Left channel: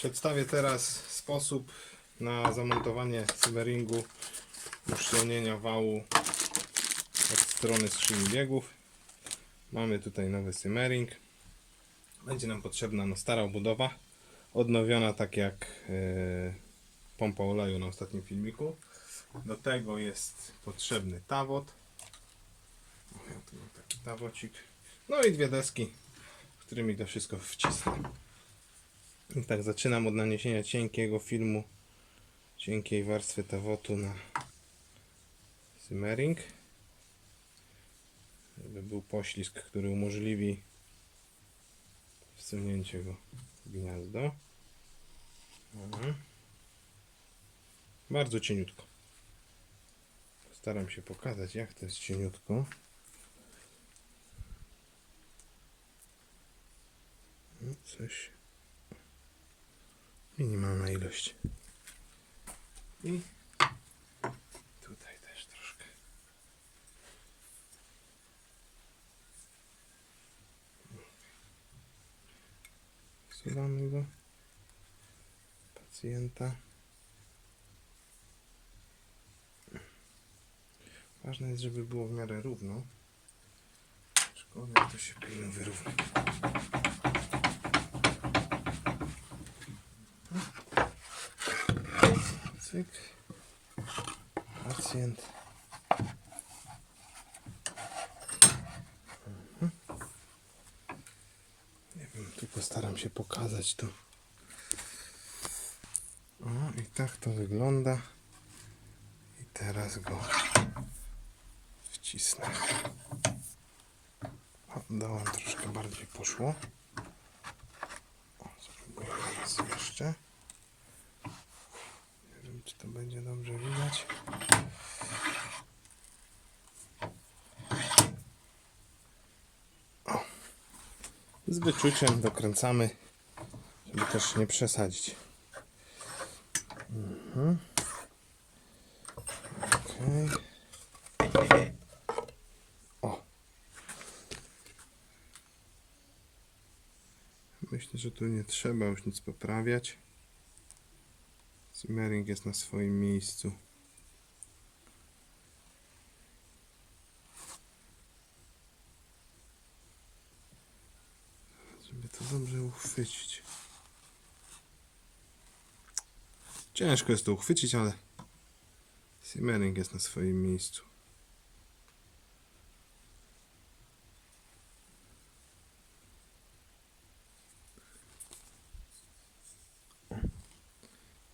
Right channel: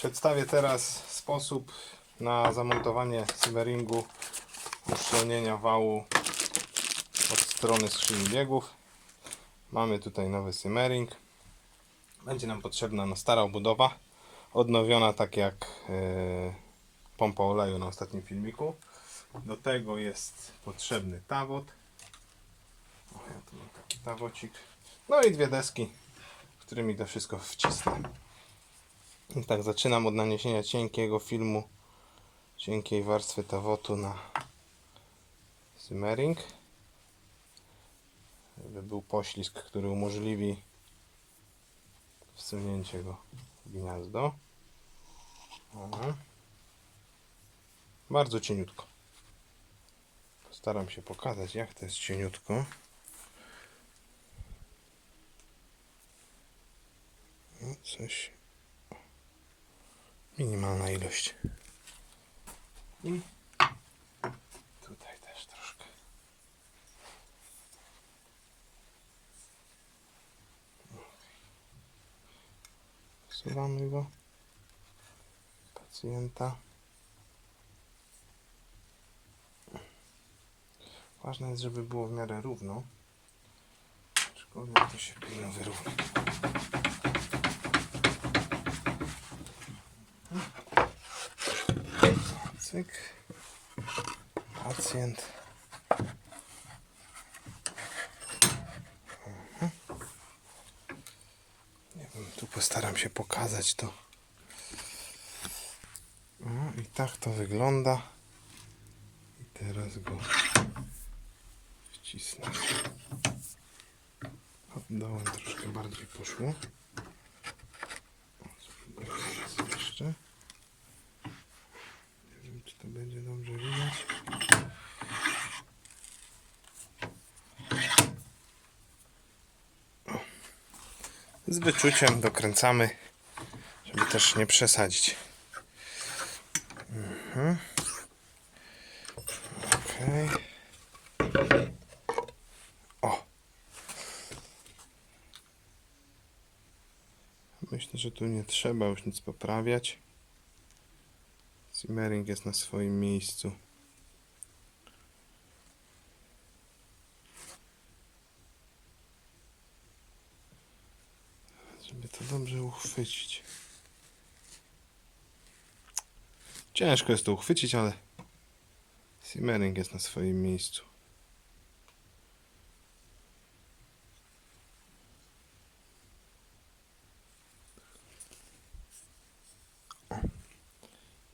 Przedstawię teraz sposób na zamontowanie simmeringu uszczelnienia wału od strony skrzyni biegów. Mamy tutaj nowy simmering. Będzie nam potrzebna no, stara obudowa, odnowiona tak jak yy, pompa oleju na ostatnim filmiku. Do tego jest potrzebny tawot. O, ja tu mam taki tawocik. No i dwie deski, którymi to wszystko wcisnę. I tak zaczynam od naniesienia cienkiego filmu, cienkiej warstwy tawotu na simmering. Żeby był poślizg, który umożliwi wsunięcie go w gniazdo. Aha. Bardzo cieniutko. Postaram się pokazać, jak to jest cieniutko. Coś. Minimalna ilość. I tutaj też troszkę. Wsuwamy go. Pacjenta. Ważne jest, żeby było w miarę równo. Aczkolwiek to się powinno wyrównać. Cyk. Pacjent. Mhm. Nie wiem, tu postaram się pokazać to. O, i tak to wygląda. I teraz go wcisnę. O, Dołem troszkę bardziej poszło. O, jeszcze. Nie wiem, czy to będzie dobrze widać. O. Z wyczuciem dokręcamy, żeby też nie przesadzić. Mhm. Okej. O. Myślę, że tu nie trzeba już nic poprawiać. Simmering jest na swoim miejscu. Żeby to dobrze uchwycić. Ciężko jest to uchwycić, ale simmering jest na swoim miejscu.